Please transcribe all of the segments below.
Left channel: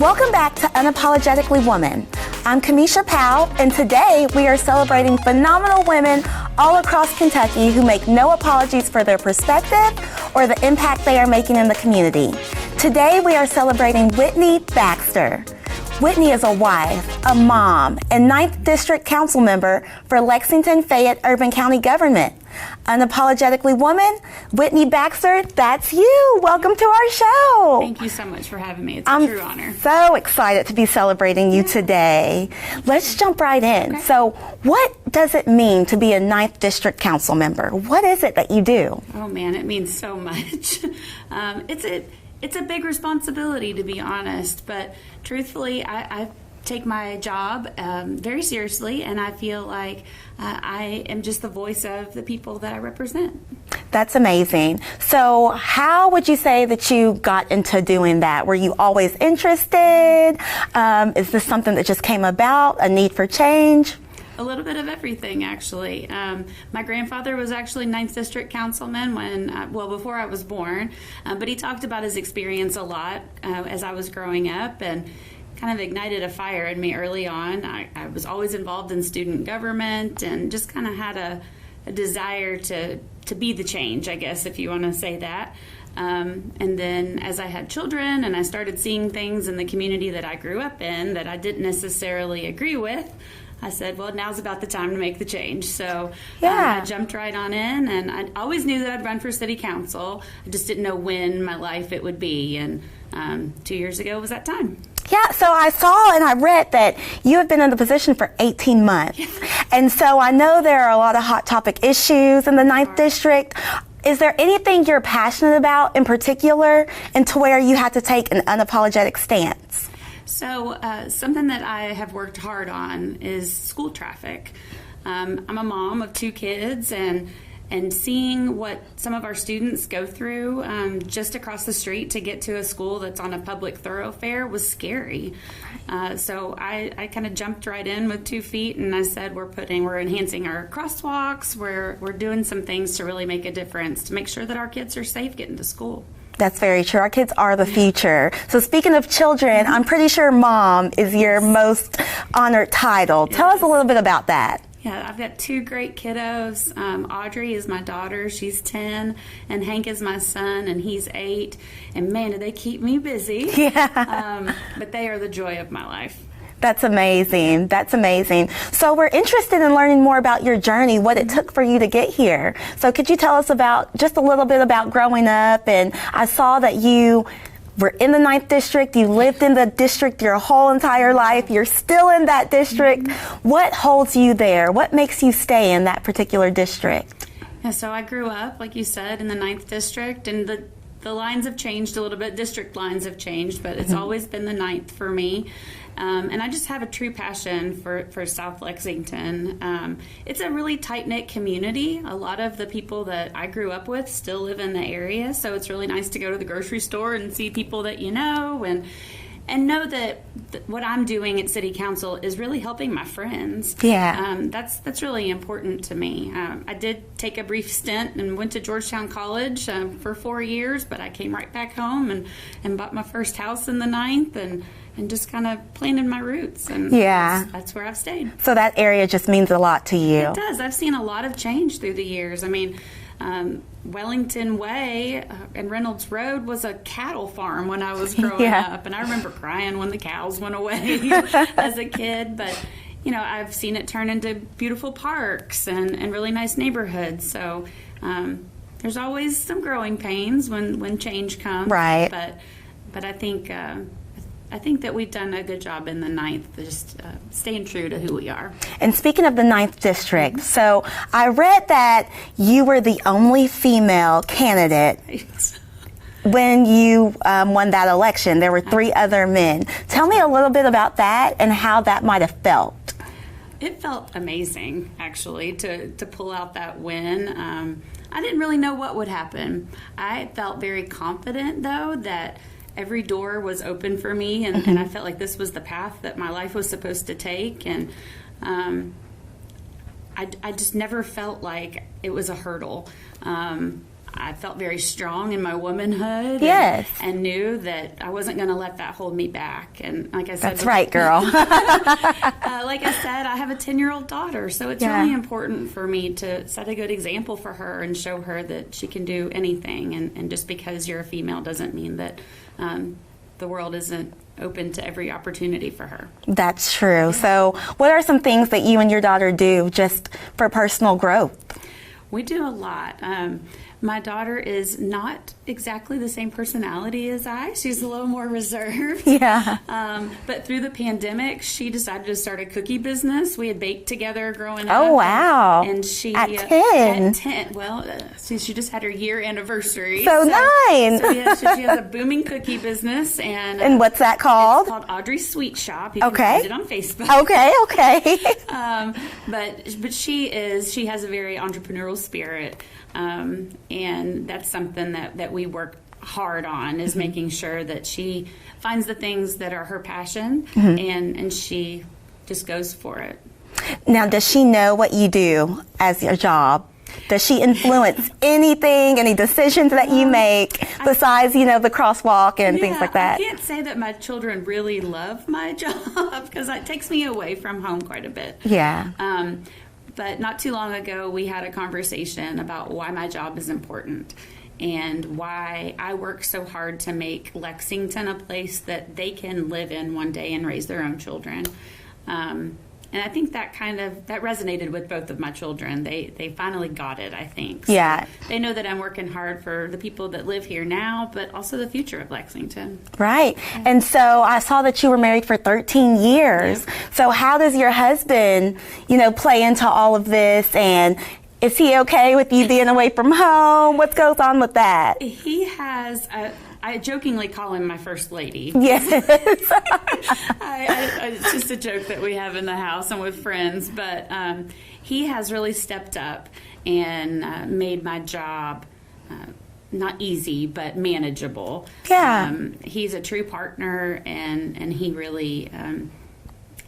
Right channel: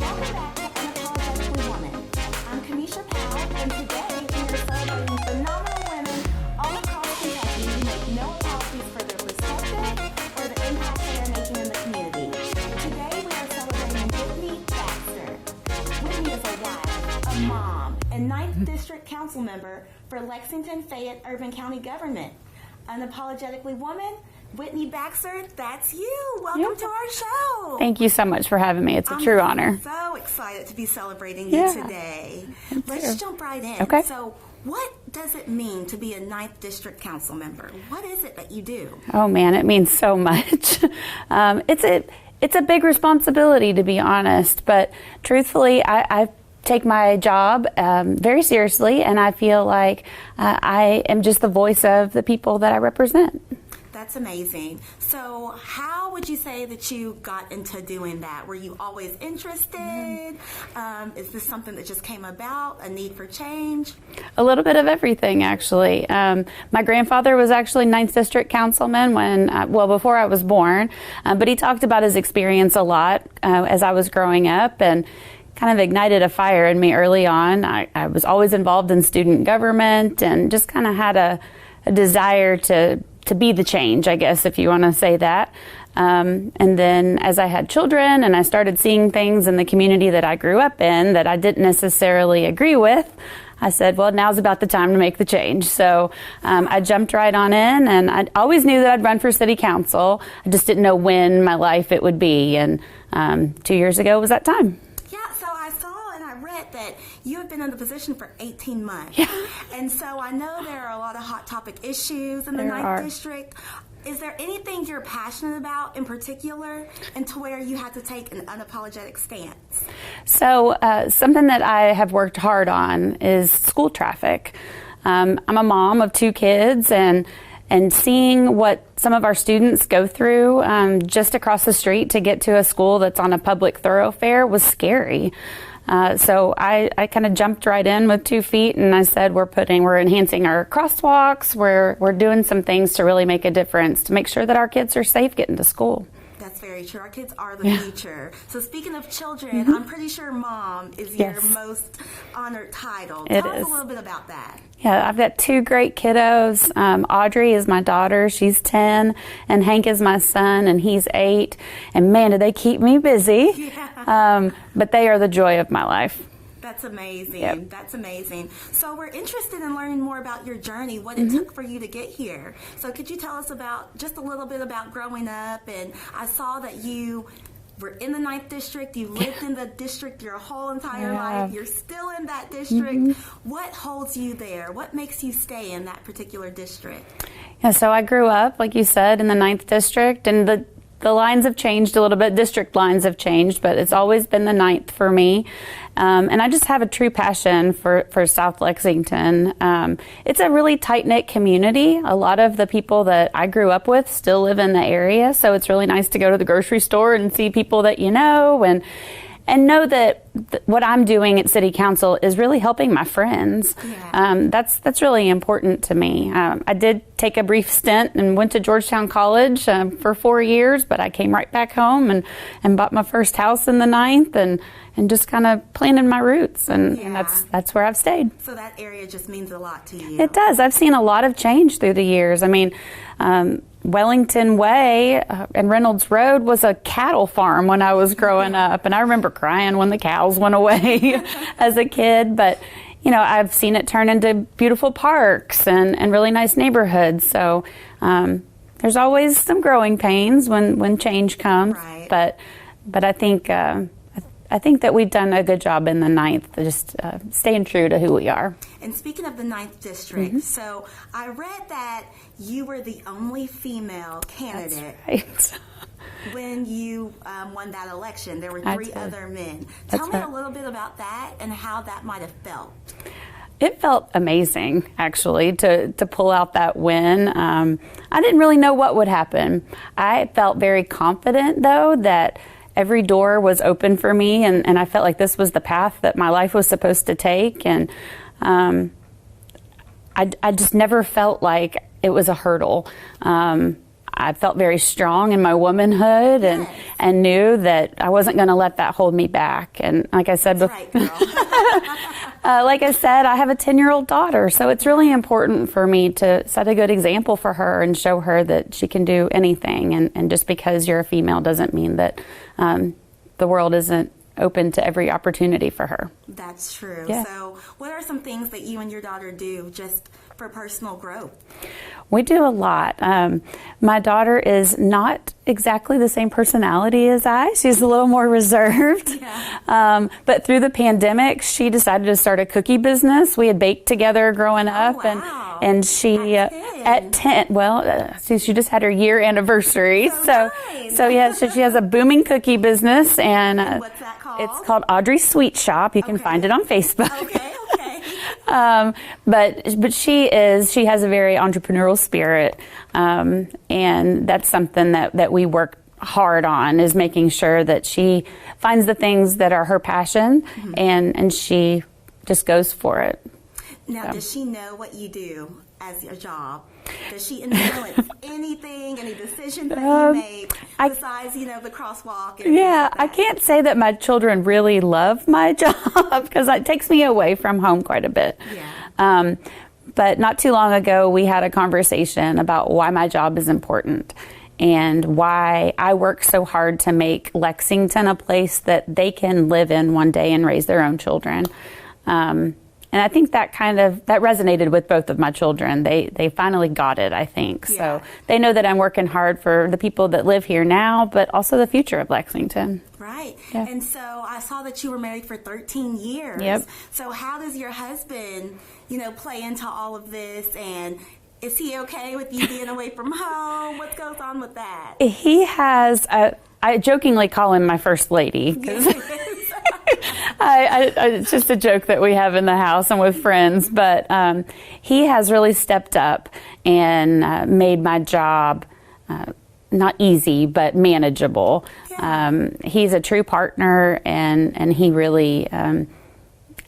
Welcome back to Unapologetically Woman. I'm Kamisha Powell, and today we are celebrating phenomenal women all across Kentucky who make no apologies for their perspective or the impact they are making in the community. Today we are celebrating Whitney Baxter. Whitney is a wife, a mom, and 9th District Council member for Lexington Fayette Urban County Government. Unapologetically Woman, Whitney Baxter, that's you. Welcome to our show. Thank you so much for having me. It's a true honor. I'm so excited to be celebrating you today. Let's jump right in. Okay. So what does it mean to be a 9th District Council member? What is it that you do? Oh man, it means so much. It's a big responsibility, to be honest, but truthfully, I take my job very seriously, and I feel like I am just the voice of the people that I represent. That's amazing. So how would you say that you got into doing that? Were you always interested? Is this something that just came about, a need for change? A little bit of everything, actually. My grandfather was actually 9th District Councilman before I was born, but he talked about his experience a lot as I was growing up, and kind of ignited a fire in me early on. I was always involved in student government and just kind of had a desire to be the change, I guess, if you want to say that. And then as I had children and I started seeing things in the community that I grew up in that I didn't necessarily agree with, I said, well, now's about the time to make the change. So I jumped right on in, and I always knew that I'd run for city council. I just didn't know when my life it would be. And 2 years ago was that time. Yeah, so I saw and I read that you have been in the position for 18 months. Yeah. And so I know there are a lot of hot topic issues in the 9th District. Is there anything you're passionate about in particular, and to where you had to take an unapologetic stance? So something that I have worked hard on is school traffic. I'm a mom of 2 kids, and seeing what some of our students go through just across the street to get to a school that's on a public thoroughfare was scary. So I kind of jumped right in with 2 feet, and I said we're enhancing our crosswalks, we're doing some things to really make a difference to make sure that our kids are safe getting to school. That's very true. Our kids are the future. So speaking of children, I'm pretty sure mom is your most honored title. Tell us a little bit about that. Yeah, I've got 2 great kiddos. Audrey is my daughter, she's 10, and Hank is my son, and he's 8. And man, do they keep me busy. Yeah. But they are the joy of my life. That's amazing. Yeah. That's amazing. So we're interested in learning more about your journey, what it took for you to get here. So could you tell us just a little bit about growing up? And I saw that you were in the 9th District. You lived in the district your whole entire life. You're still in that district. What holds you there? What makes you stay in that particular district? Yeah, so I grew up, like you said, in the 9th District, and the lines have changed a little bit. District lines have changed, but it's always been the 9th for me. And I just have a true passion for South Lexington. It's a really tight-knit community. A lot of the people that I grew up with still live in the area, so it's really nice to go to the grocery store and see people that you know, and know that what I'm doing at City Council is really helping my friends. Yeah. That's really important to me. I did take a brief stint and went to Georgetown College for 4 years, but I came right back home and bought my first house in the 9th and just kind of planted my roots, and that's where I've stayed. So that area just means a lot to you. It does. I've seen a lot of change through the years. I mean, Wellington Way and Reynolds Road was a cattle farm when I was growing up, and I remember crying when the cows went away as a kid, but you know, I've seen it turn into beautiful parks and really nice neighborhoods. So there's always some growing pains when change comes. Right. But I think that we've done a good job in the 9th, just staying true to who we are. And speaking of the 9th District, so I read that you were the only female candidate when you won that election. There were 3 other men. Tell me a little bit about that and how that might have felt. It felt amazing, actually, to pull out that win. I didn't really know what would happen. I felt very confident, though, that every door was open for me, and I felt like this was the path that my life was supposed to take, and I just never felt like it was a hurdle. I felt very strong in my womanhood, Yes. and knew that I wasn't going to let that hold me back. And like I said, That's right, girl. like I said, I have a 10-year-old daughter, so it's really important for me to set a good example for her and show her that she can do anything. And just because you're a female doesn't mean that the world isn't open to every opportunity for her. That's true. So what are some things that you and your daughter do just for personal growth? We do a lot. My daughter is not exactly the same personality as I. She's a little more reserved. Yeah. But through the pandemic, she decided to start a cookie business. We had baked together growing up. Oh, wow. And she At 10. At 10. Well, she just had her year anniversary. So nice. So yeah, she has a booming cookie business. And what's that called? It's called Audrey's Sweet Shop. You can find it on Facebook. Okay. But she has a very entrepreneurial spirit. And that's something that we work hard on, is making sure that she finds the things that are her passion, and she just goes for it. Now, does she know what you do as your job? Does she influence anything, any decisions that you make besides, the crosswalk and things like that? I can't say that my children really love my job because it takes me away from home quite a bit. Yeah. But not too long ago, we had a conversation about why my job is important and why I work so hard to make Lexington a place that they can live in one day and raise their own children. And I think that that resonated with both of my children. They finally got it, I think. Yeah. So they know that I'm working hard for the people that live here now, but also the future of Lexington. Right. Yeah. And so I saw that you were married for 13 years. Yep. So how does your husband, play into all of this? And is he okay with you being away from home? What goes on with that? He has I jokingly call him my first lady. Yes. It's just a joke that we have in the house and with friends. But he has really stepped up and made my job not easy, but manageable. Yeah. He's a true partner, and he really,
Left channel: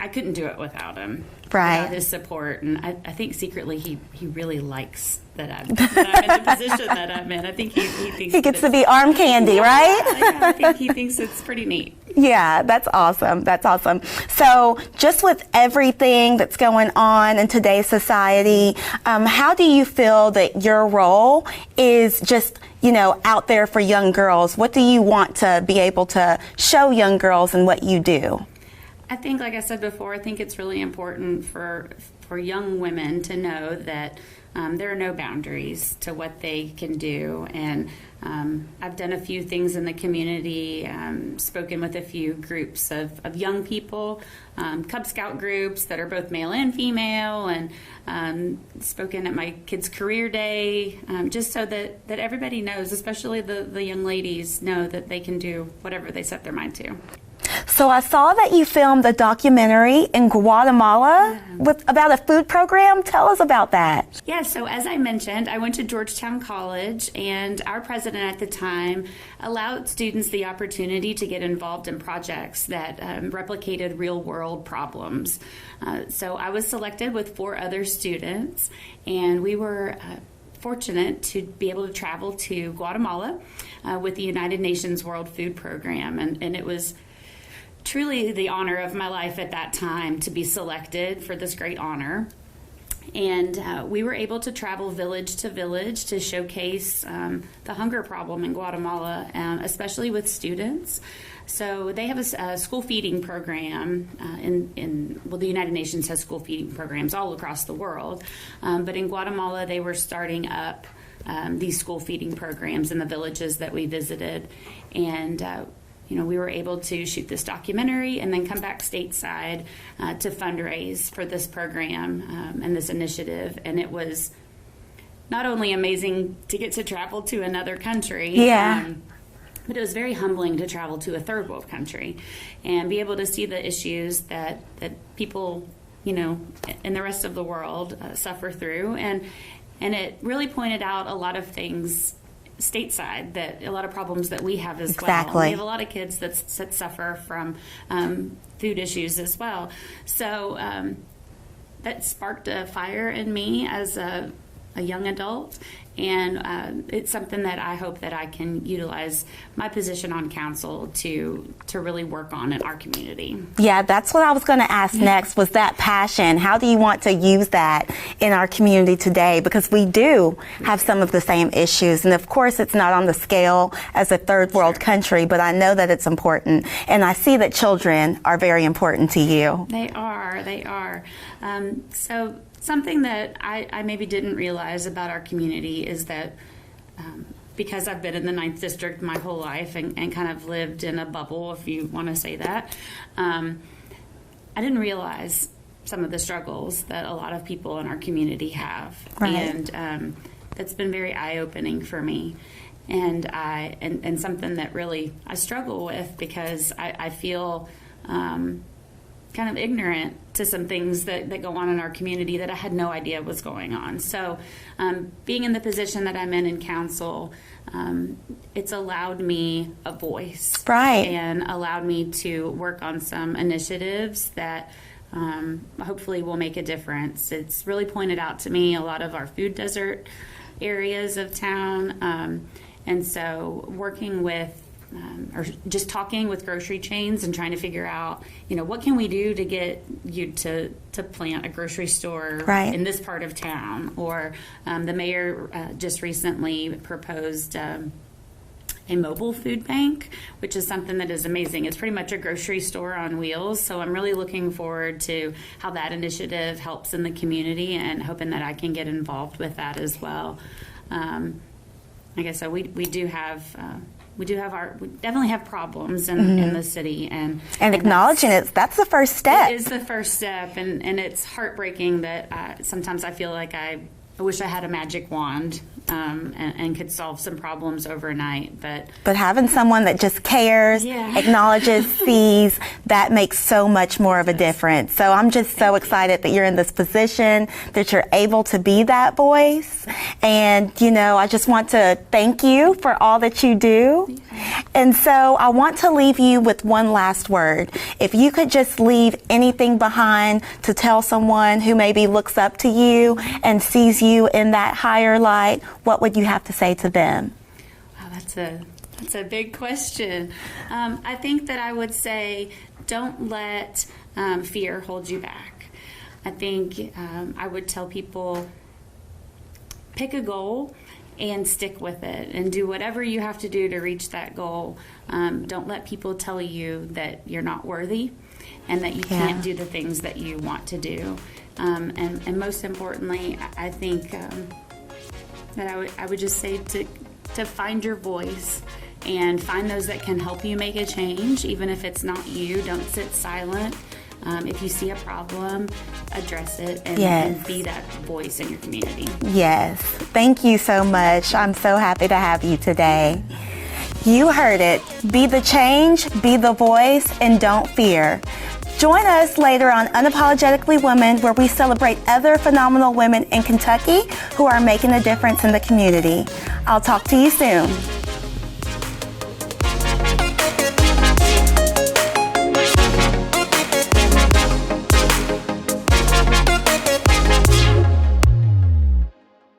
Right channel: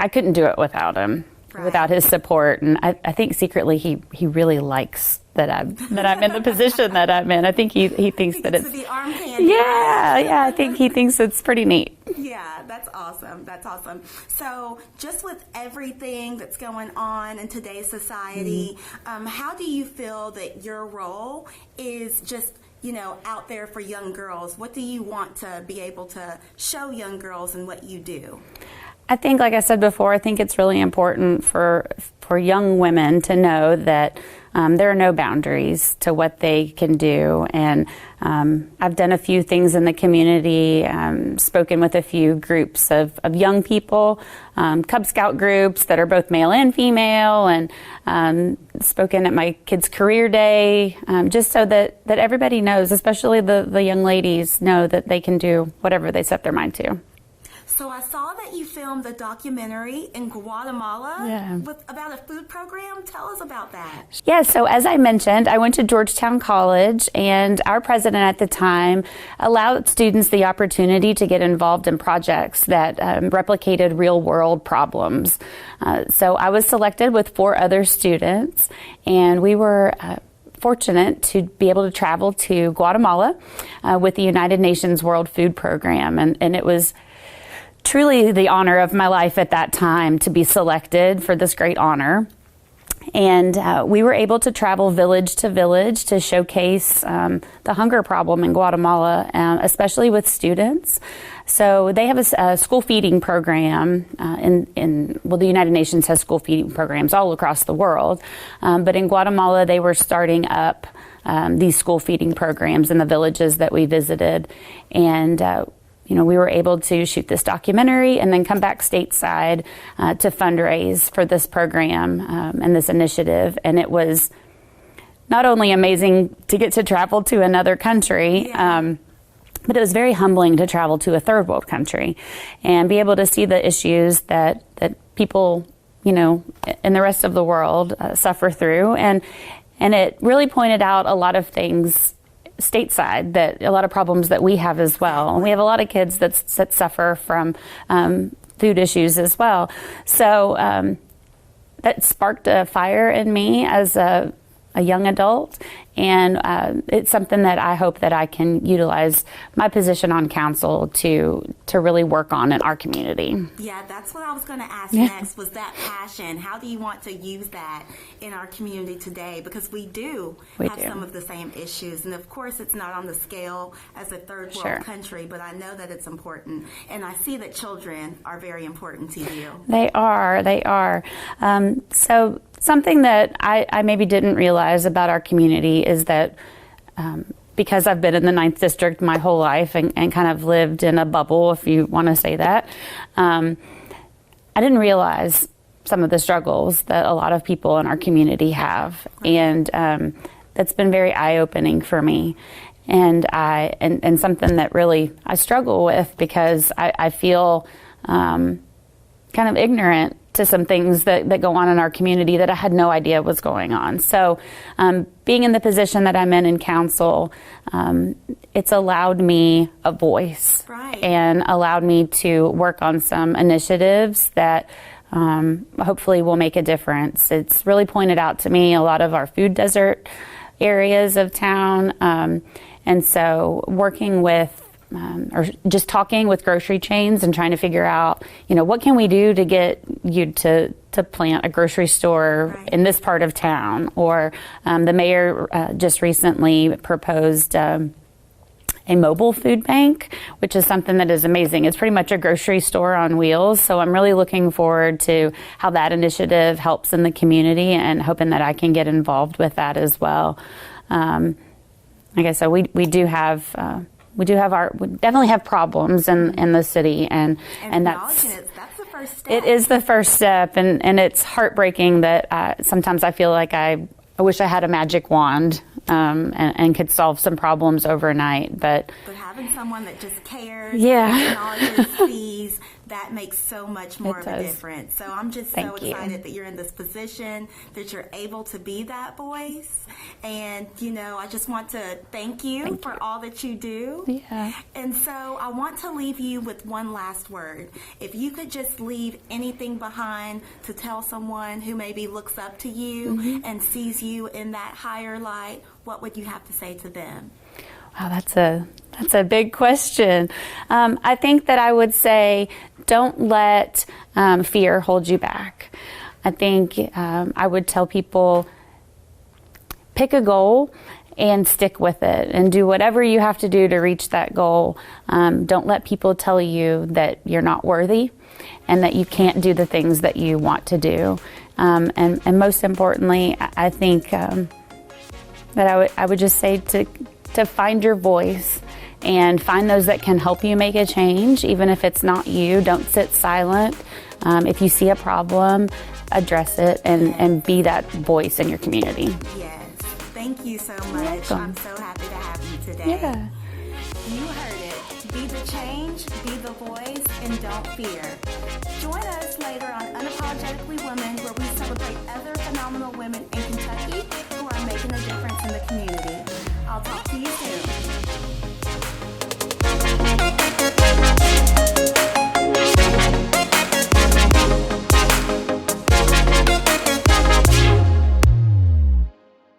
I couldn't do it without him. Right. Without his support, and I think secretly he really likes that I'm in the position that I'm in. I think he thinks he gets to be arm candy, right? Yeah, I think he thinks it's pretty neat. Yeah, that's awesome. That's awesome. So, just with everything that's going on in today's society, how do you feel that your role is just out there for young girls? What do you want to be able to show young girls in what you do? I think, like I said before, I think it's really important for young women to know that there are no boundaries to what they can do. And I've done a few things in the community, spoken with a few groups of young people, Cub Scout groups that are both male and female, and spoken at my kids' career day, just so that everybody knows, especially the young ladies, know that they can do whatever they set their mind to. So I saw that you filmed a documentary in Guatemala about a food program. Tell us about that. Yeah, so as I mentioned, I went to Georgetown College, and our president at the time allowed students the opportunity to get involved in projects that replicated real-world problems. So I was selected with 4 other students, and we were fortunate to be able to travel to Guatemala with the United Nations World Food Program, and it was truly the honor of my life at that time to be selected for this great honor. And we were able to travel village to village to showcase the hunger problem in Guatemala, especially with students. So they have a school feeding program the United Nations has school feeding programs all across the world. But in Guatemala, they were starting up these school feeding programs in the villages that we visited. And we were able to shoot this documentary and then come back stateside to fundraise for this program and this initiative. And it was not only amazing to get to travel to another country, but it was very humbling to travel to a third world country and be able to see the issues that people, in the rest of the world suffer through. And it really pointed out a lot of things stateside, that a lot of problems that we have as well. We have a lot of kids that suffer from food issues as well. So that sparked a fire in me as a a young adult, and it's something that I hope that I can utilize my position on council to really work on in our community. Yeah, that's what I was going to ask next, was that passion. How do you want to use that in our community today? Because we do have some of the same issues, and of course it's not on the scale as a third world country, but I know that it's important, and I see that children are very important to you. They are. So something that I maybe didn't realize about our community is that because I've been in the 9th District my whole life and kind of lived in a bubble, if you want to say that, I didn't realize some of the struggles that a lot of people in our community have. Right. And that's been very eye-opening for me. And something that really I struggle with, because I feel kind of ignorant to some things that go on in our community that I had no idea was going on. So being in the position that I'm in council, it's allowed me a voice. Right. And allowed me to work on some initiatives that hopefully will make a difference. It's really pointed out to me a lot of our food desert areas of town. And so working with or just talking with grocery chains and trying to figure out, what can we do to get you to plant a grocery store in this part of town? Or the mayor just recently proposed a mobile food bank, which is something that is amazing. It's pretty much a grocery store on wheels. So I'm really looking forward to how that initiative helps in the community, and hoping that I can get involved with that as well. Like I said, we definitely have problems in the city, and acknowledging it, that's the first step. It is the first step, and it's heartbreaking that sometimes I feel like I wish I had a magic wand and could solve some problems overnight. But having someone that just cares, acknowledges, sees, that makes so much more of a difference. So I'm just so excited that you're in this position, that you're able to be that voice. And, I just want to thank you for all that you do. Yeah. And so I want to leave you with one last word. If you could just leave anything behind to tell someone who maybe looks up to you and sees you in that higher light, what would you have to say to them? Wow, that's a big question. I think that I would say, don't let fear hold you back. I think I would tell people, pick a goal and stick with it, and do whatever you have to do to reach that goal. Don't let people tell you that you're not worthy and that you can't do the things that you want to do. And most importantly, I think that I would just say to find your voice and find those that can help you make a change, even if it's not you. Don't sit silent. If you see a problem, address it and be that voice in your community. Yes. Thank you so much. I'm so happy to have you today. Yeah. You heard it. Be the change, be the voice, and don't fear. Join us later on Unapologetically Woman, where we celebrate other phenomenal women in Kentucky who are making a difference in the community. I'll talk to you soon.